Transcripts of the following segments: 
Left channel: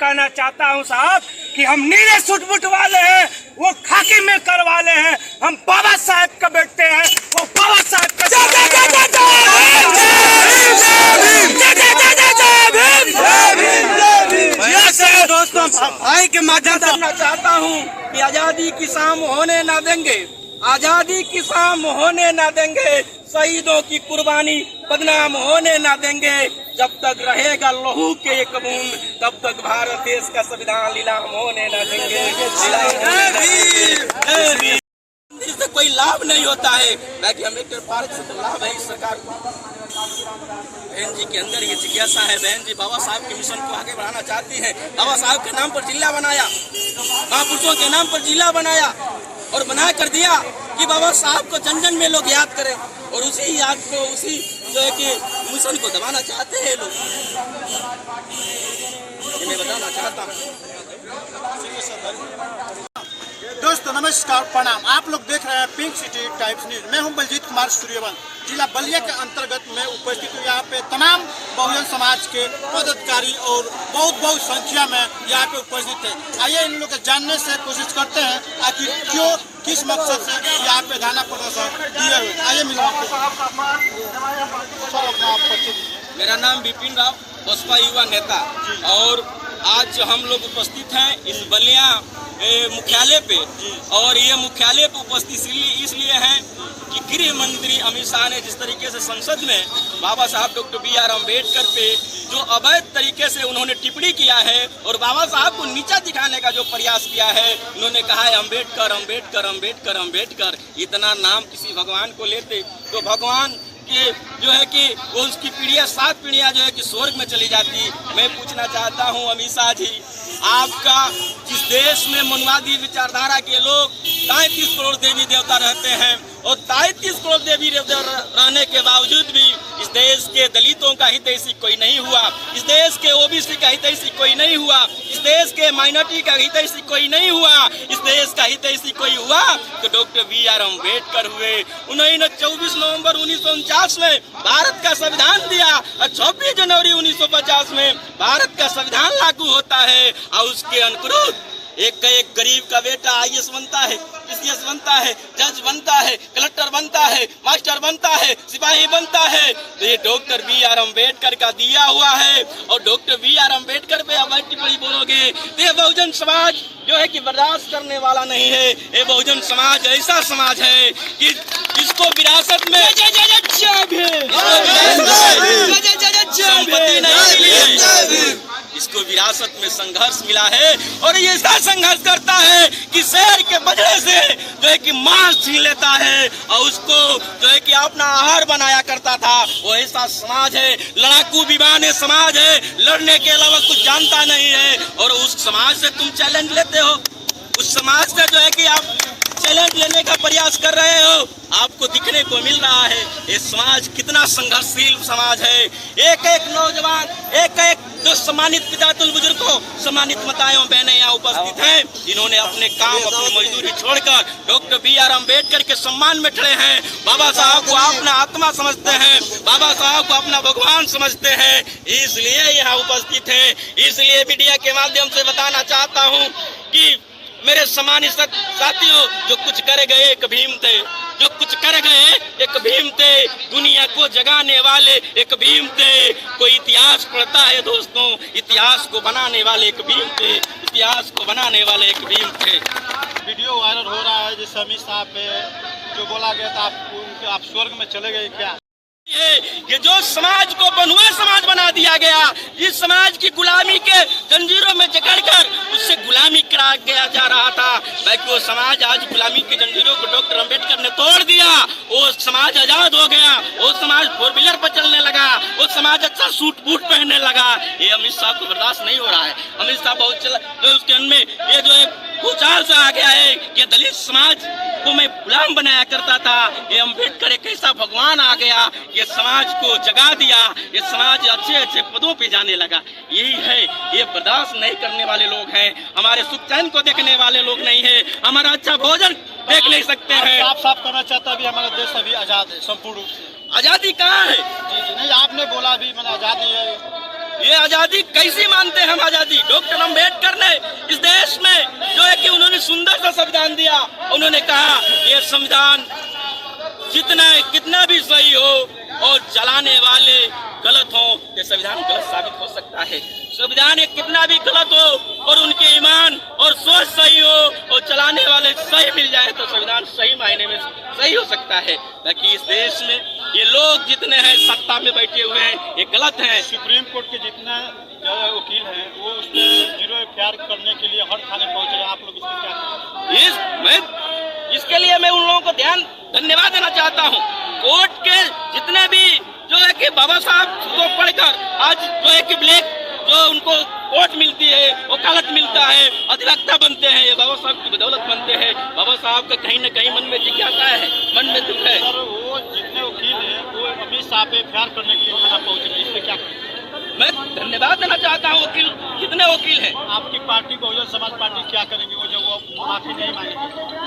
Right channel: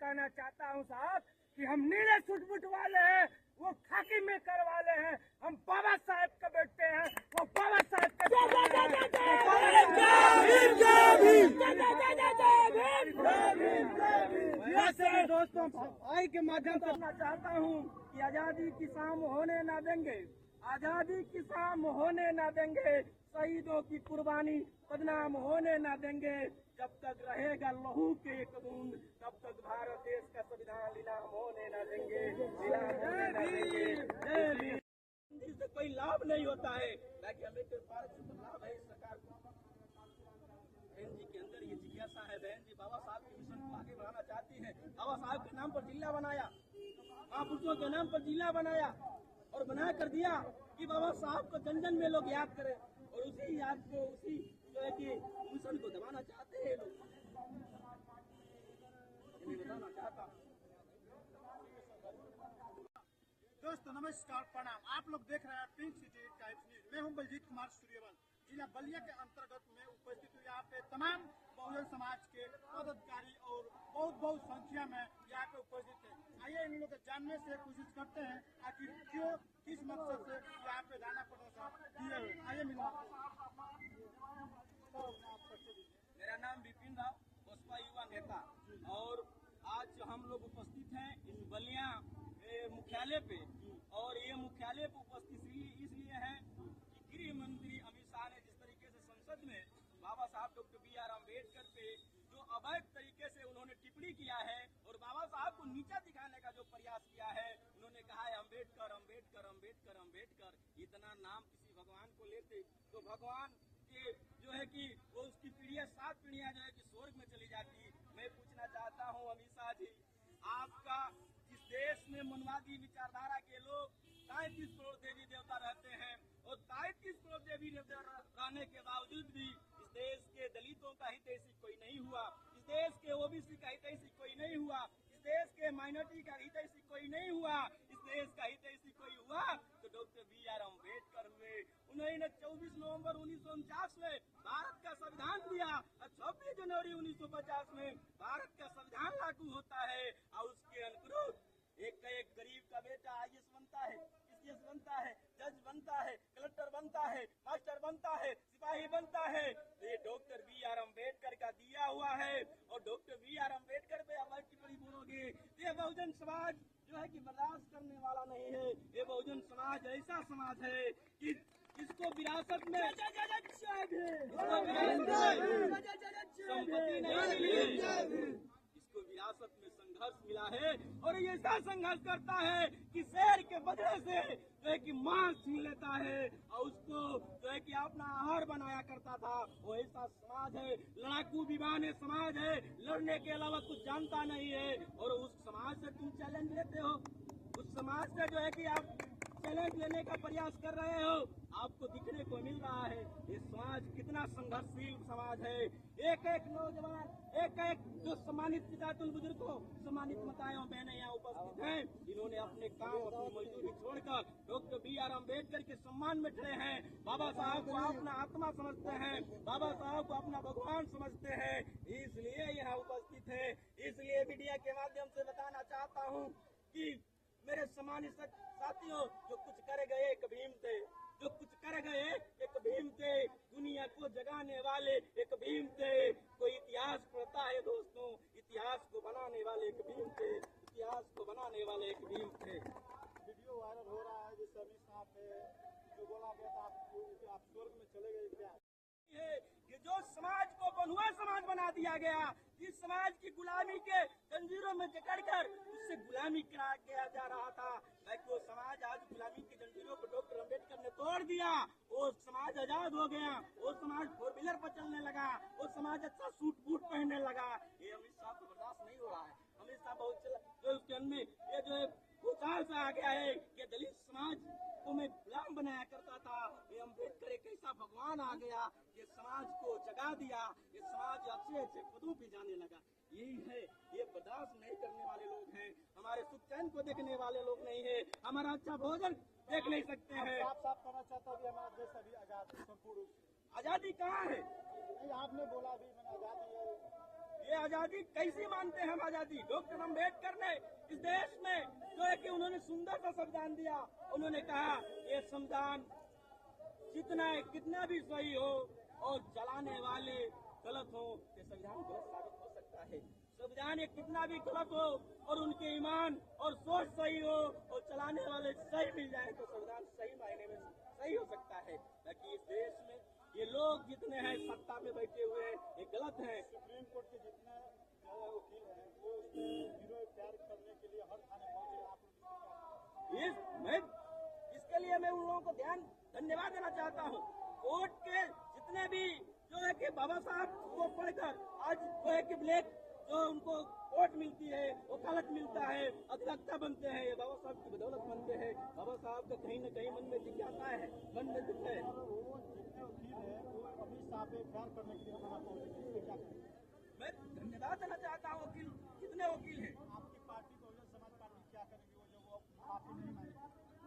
कहना चाहता हूं साहब कि हम नीले सूट बूट वाले हैं, वो खाकी में कर वाले हैं। हम बाबा साहब का बेटे हैं, वो बाबा साहब का दोस्तों भाई के माध्यम से कहना चाहता हूं कि आजादी की शाम होने ना देंगे, आजादी की शाम होने ना देंगे, शहीदों की कुर्बानी बदनाम होने ना देंगे। जब तक रहेगा लहू के एक बूंद तब तक भारत देश का संविधान नीलाम होने ना देंगे। इससे कोई लाभ नहीं होता है, बाकी अम्बेडकर पार्क से तो लाभ है इस सरकार को। बहन जी के अंदर ये जिज्ञासा है, बहन जी बाबा साहब के मिशन को आगे बढ़ाना चाहती हैं। बाबा साहब के नाम पर जिला बनाया, महापुरुषों के नाम पर जिला बनाया और बना कर दिया कि बाबा साहब को जन जन में लोग याद करें, और उसी याद को, उसी जो है कि मिशन को दबाना चाहते हैं लोग। ये मैं बताना चाहता हूँ। दोस्तों नमस्कार, प्रणाम। आप लोग देख रहे हैं पिंक सिटी टाइम्स न्यूज। मैं हूं बलजीत कुमार सूर्यवंश, जिला बलिया के अंतर्गत में उपस्थित हूँ। यहाँ पे तमाम बहुजन समाज के पदाधिकारी और बहुत संख्या में यहाँ पे उपस्थित है। आइए इन लोग जानने से कोशिश करते हैं आखिर क्यों, किस मकसद से यहाँ पे धरना प्रदर्शन दिए हुए। आइए मिलो आपको। मेरा नाम विपिन राव, बसपा युवा नेता, और आज हम लोग उपस्थित हैं इस बलिया मुख्यालय पे। और ये मुख्यालय पे उपस्थित इसलिए हैं कि गृह मंत्री अमित शाह ने जिस तरीके से संसद में बाबा साहब डॉक्टर B.R. अम्बेडकर पे जो अवैध तरीके से उन्होंने टिप्पणी किया है और बाबा साहब को नीचा दिखाने का जो प्रयास किया है, उन्होंने कहा है अम्बेडकर अम्बेडकर अम्बेडकर अम्बेडकर। इतना नाम किसी भगवान को लेते तो भगवान कि जो है कि वो उसकी पीढ़ियां 7 पीढ़ियां जो है कि स्वर्ग में चली जाती। मैं पूछना चाहता हूं अमित शाह जी, आपका जिस देश में मनुवादी विचारधारा के लोग 33 करोड़ देवी देवता रहते हैं और 33 करोड़ देवी देवता रहने के बावजूद भी इस देश के दलितों का हितैषी कोई नहीं हुआ, इस देश के OBC का हितैषी कोई नहीं हुआ, इस देश के माइनॉरिटी का हितैषी कोई नहीं हुआ, इस देश का हितैषी कोई हुआ तो डॉक्टर B.R. अम्बेडकर हुए। उन्होंने 24 नवंबर 1949 में भारत का संविधान दिया और 26 जनवरी 1950 में भारत का संविधान लागू होता है। और उसके अनुरूप एक गरीब का बेटा IAS बनता है, PCS बनता है, जज बनता है, कलेक्टर बनता है, मास्टर बनता है, सिपाही बनता है। तो ये डॉक्टर B.R. अम्बेडकर का दिया हुआ है। और डॉक्टर B.R. अम्बेडकर पे अब टिप्पणी बोलोगे तो ये बहुजन समाज जो है कि बर्दाश्त करने वाला नहीं है। ये बहुजन समाज ऐसा समाज है कि जिसको विरासत में संपत्ति नहीं मिली है, इसको विरासत में संघर्ष मिला है और ये ऐसा संघर्ष करता है कि शहर के बजड़े से जो है कि मांस छीन लेता है और उसको जो है कि अपना आहार बनाया करता था। वो ऐसा समाज है, लड़ाकू विमाने समाज है, लड़ने के अलावा कुछ जानता नहीं है। और उस समाज से तुम चैलेंज लेते हो, उस समाज से जो है कि आप चैलेंज लेने का प्रयास कर रहे हो, आपको दिखने को मिल रहा है ये समाज कितना संघर्षशील समाज है। एक नौजवान, एक जो सम्मानित पितातुल बुजुर्गों, सम्मानित माताएं बहनें यहाँ उपस्थित हैं, जिन्होंने अपने काम, अपनी मजदूरी छोड़कर डॉक्टर B.R. अम्बेडकर के सम्मान में खड़े हैं। बाबा साहब को अपना आत्मा समझते हैं, बाबा साहब को अपना भगवान समझते हैं, इसलिए यहाँ उपस्थित हैं। इसलिए मीडिया के माध्यम से बताना चाहता हूँ कि मेरे सम्मानित साथियों, जो कुछ कर गए एक भीम थे, जो कुछ कर गए एक भीम थे, दुनिया को जगाने वाले एक भीम थे। कोई इतिहास पढ़ता है दोस्तों, इतिहास को बनाने वाले एक भीम थे, इतिहास को बनाने वाले एक भीम थे। वीडियो वायरल हो रहा है जैसे अमित शाह पे जो बोला गया था आप स्वर्ग में चले गए क्या? ये जो समाज को बंधुआ समाज बना दिया गया, इस समाज की गुलामी के जंजीरों में जकड़कर उससे गुलामी करा गया जा रहा था, बाकी वो समाज आज गुलामी की जंजीरों को डॉक्टर अम्बेडकर ने तोड़ दिया। वो समाज आजाद हो गया, वो समाज 4 व्हीलर पर चलने लगा, वो समाज अच्छा सूट बूट पहनने लगा। ये अमित शाह को बर्दाश्त नहीं हो रहा है। अमित शाह बहुत जो उसके अनमें ये जो है भूचाल से आ गया है कि दलित समाज को मैं गुलाम बनाया करता था, ये अम्बेडकर एक ऐसा भगवान आ गया, ये समाज को जगा दिया, ये समाज अच्छे पदों पे जाने लगा। यही है, ये बर्दाश्त नहीं करने वाले लोग हैं, हमारे सुख चैन को देखने वाले लोग नहीं है, हमारा अच्छा भोजन देख नहीं सकते हैं। साफ करना चाहता अभी हमारा देश अभी आजाद है संपूर्ण रूप से। आजादी कहाँ है? जी नहीं, आपने बोला अभी मैंने आजादी है, ये आजादी कैसी मानते हैं हम आजादी? डॉक्टर अम्बेडकर ने इस देश में जो है कि उन्होंने सुंदर सा संविधान दिया। उन्होंने कहा ये संविधान कितना भी सही हो और चलाने वाले गलत हो, ये संविधान गलत साबित हो सकता है। संविधान एक कितना भी गलत हो और उनके ईमान और सोच सही हो और चलाने वाले सही मिल जाए तो संविधान सही मायने में सही हो सकता है। ताकि इस देश में ये लोग जितने हैं सत्ता में बैठे हुए हैं ये गलत है। सुप्रीम कोर्ट के जितना वकील हैं वो उस पर 0 FIR करने के लिए हर थाने पहुंच रहे हैं। आप लोग इसमें क्या इसके लिए मैं उन लोगों को धन्यवाद देना चाहता हूँ। कोर्ट के जितने भी जो है कि बाबा साहब को पढ़कर आज जो है कि ब्लैक जो उनको कोर्ट मिलती है, वकालत मिलता है, अधिवक्ता बनते हैं, ये बाबा साहब की बदौलत बनते हैं। बाबा साहब का कहीं न कहीं मन में जिज्ञासा है, मन में दुख है। सर वो जितने वकील हैं वो अमित शाह पे FIR करने के लिए थाना पहुंच रहे हैं, इसमें क्या करें? मैं धन्यवाद देना चाहता हूँ वकील जितने वकील हैं। आपकी पार्टी बहुजन समाज पार्टी क्या करेंगे वो जब वो माफी नहीं मांगेगी?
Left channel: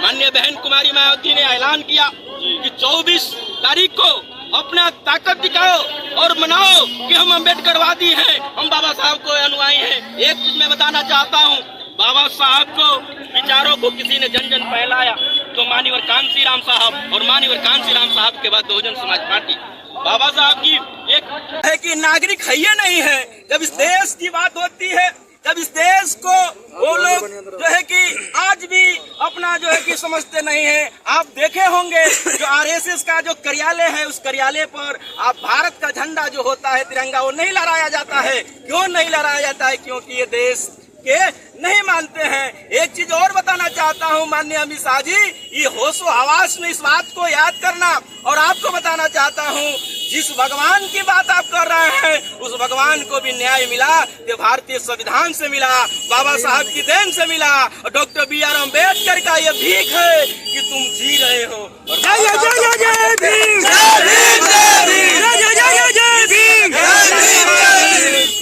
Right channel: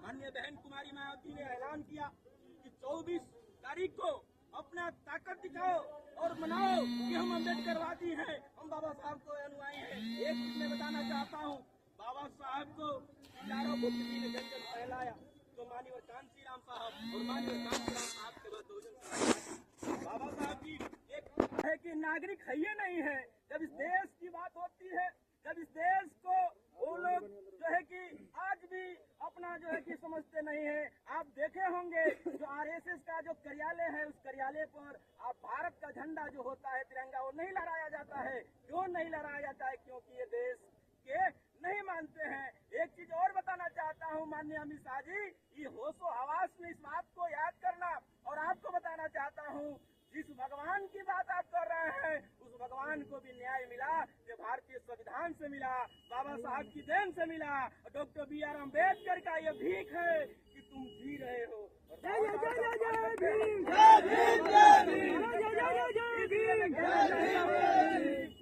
माननीय बहन कुमारी मायावती ने ऐलान किया कि 24 तारीख को अपना ताकत दिखाओ और मनाओ कि हम अम्बेडकरवादी हैं, हम बाबा साहब को अनुयायी हैं। एक चीज मैं बताना चाहता हूँ, बाबा साहब को विचारों को किसी ने जन जन फैलाया तो माननीय कांसी राम साहब और माननीय कांसी राम साहब के बाद बहुजन समाज पार्टी। बाबा साहब की एक है कि नागरिक है ये नहीं है। जब इस देश की बात होती है, जब इस देश को वो लोग जो है कि आज भी अपना जो है कि समझते नहीं है। आप देखे होंगे जो RSS का जो कार्यालय है उस कार्यालय पर आप भारत का झंडा जो होता है तिरंगा वो नहीं लहराया जाता है। क्यों नहीं लहराया जाता है? क्योंकि ये देश के नहीं मानते हैं। एक चीज और बताना चाहता हूँ माननीय अमित शाह जी, ये होशो हवास में इस बात को याद करना और आपको बताना चाहता हूँ जिस भगवान की बात आप कर रहे हैं उस भगवान को भी न्याय मिला ये भारतीय संविधान से मिला, बाबा साहब की देन से मिला और डॉक्टर BR अम्बेडकर का ये भीख है कि तुम जी रहे हो।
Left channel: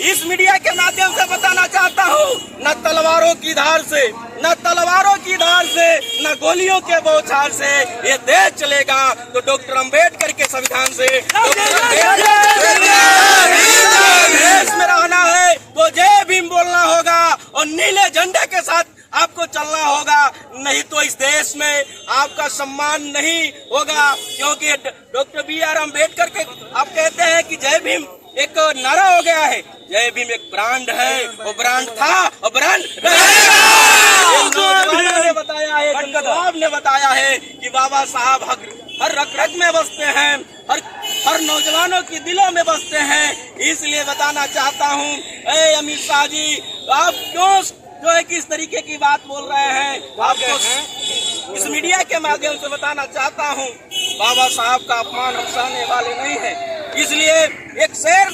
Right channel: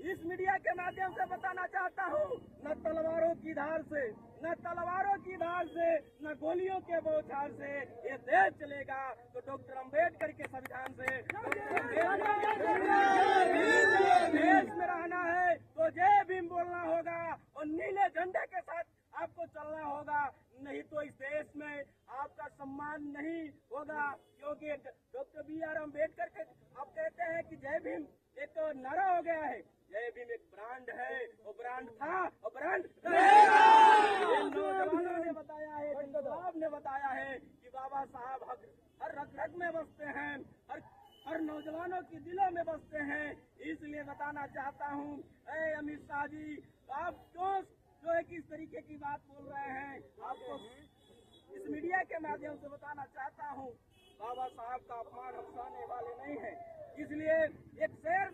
इस मीडिया के माध्यम से बताना चाहता हूँ न तलवारों की धार से, न तलवारों की धार से, न गोलियों के बौछार से ये देश चलेगा तो डॉक्टर अम्बेडकर के संविधान से। देश में रहना है तो जय भीम बोलना होगा और नीले झंडे के साथ आपको चलना होगा, नहीं तो इस देश में आपका सम्मान नहीं होगा। क्योंकि डॉक्टर BR अम्बेडकर के आप कहते हैं कि जय भीम एक नारा हो गया है, जय भीम एक ब्रांड है, वो ब्रांड था और ब्रांड रहेगा। ने बताया है, साहब ने बताया है कि बाबा साहब हर रग में बसते हैं, हर नौजवानों की दिलों में बसते हैं। इसलिए बताना चाहता हूँ अमित शाह जी, आप क्यों जो है कि इस तरीके की बात बोल रहे हैं? आपको इस मीडिया के माध्यम से बताना चाहता हूँ बाबा साहब का अपमान हम सहने वाले नहीं है। इसलिए एक शेर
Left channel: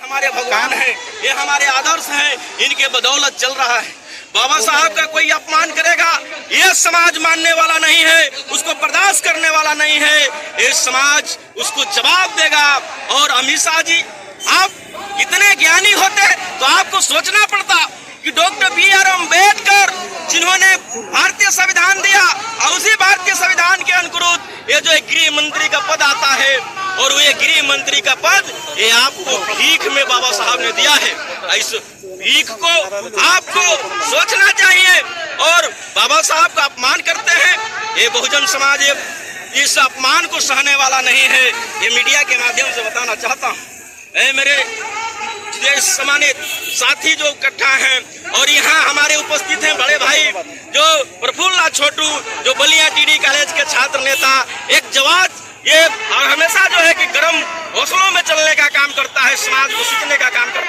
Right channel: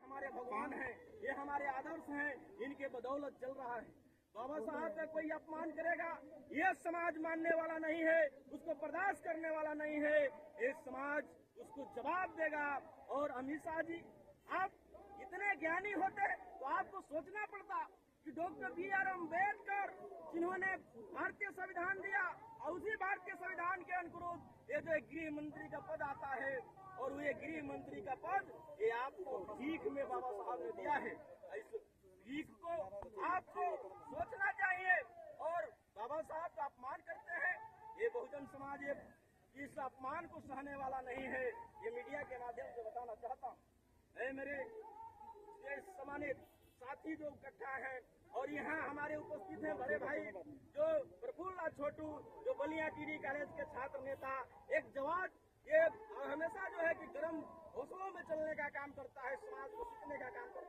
हमारे भगवान है, ये हमारे आदर्श हैं, इनके बदौलत चल रहा है। बाबा साहब का कोई अपमान करेगा ये समाज मानने वाला नहीं है, उसको बर्दाश्त करने वाला नहीं है। ये समाज उसको जवाब देगा। और अमित शाह जी, आप इतने ज्ञानी होते तो आपको सोचना पड़ता कि डॉक्टर BR अम्बेडकर जिन्होंने भारतीय संविधान दिया और उसी भारतीय संविधान के अनुरूप ये जो गृह मंत्री का पद आता है और ये गृह मंत्री का पद ये आपको भीख में बाबा साहब ने दिया है। इस भीख को आपको सोचना चाहिए और बाबा साहब का अपमान करते हैं। ये बहुजन समाज इस अपमान को सहने वाला नहीं है। ये मीडिया के माध्यम से बताना चाहता हूँ। मेरे सम्मानित साथी जो इकट्ठा हैं और यहाँ हमारे उपस्थित हैं बड़े भाई जो प्रफुल्ल छोटू जो बलिया TD कॉलेज के छात्र नेता, एक जवाब ये हमेशा जो है कि गर्म हौसलों में चलने का काम करता है, समाज को सीखने का काम करता है।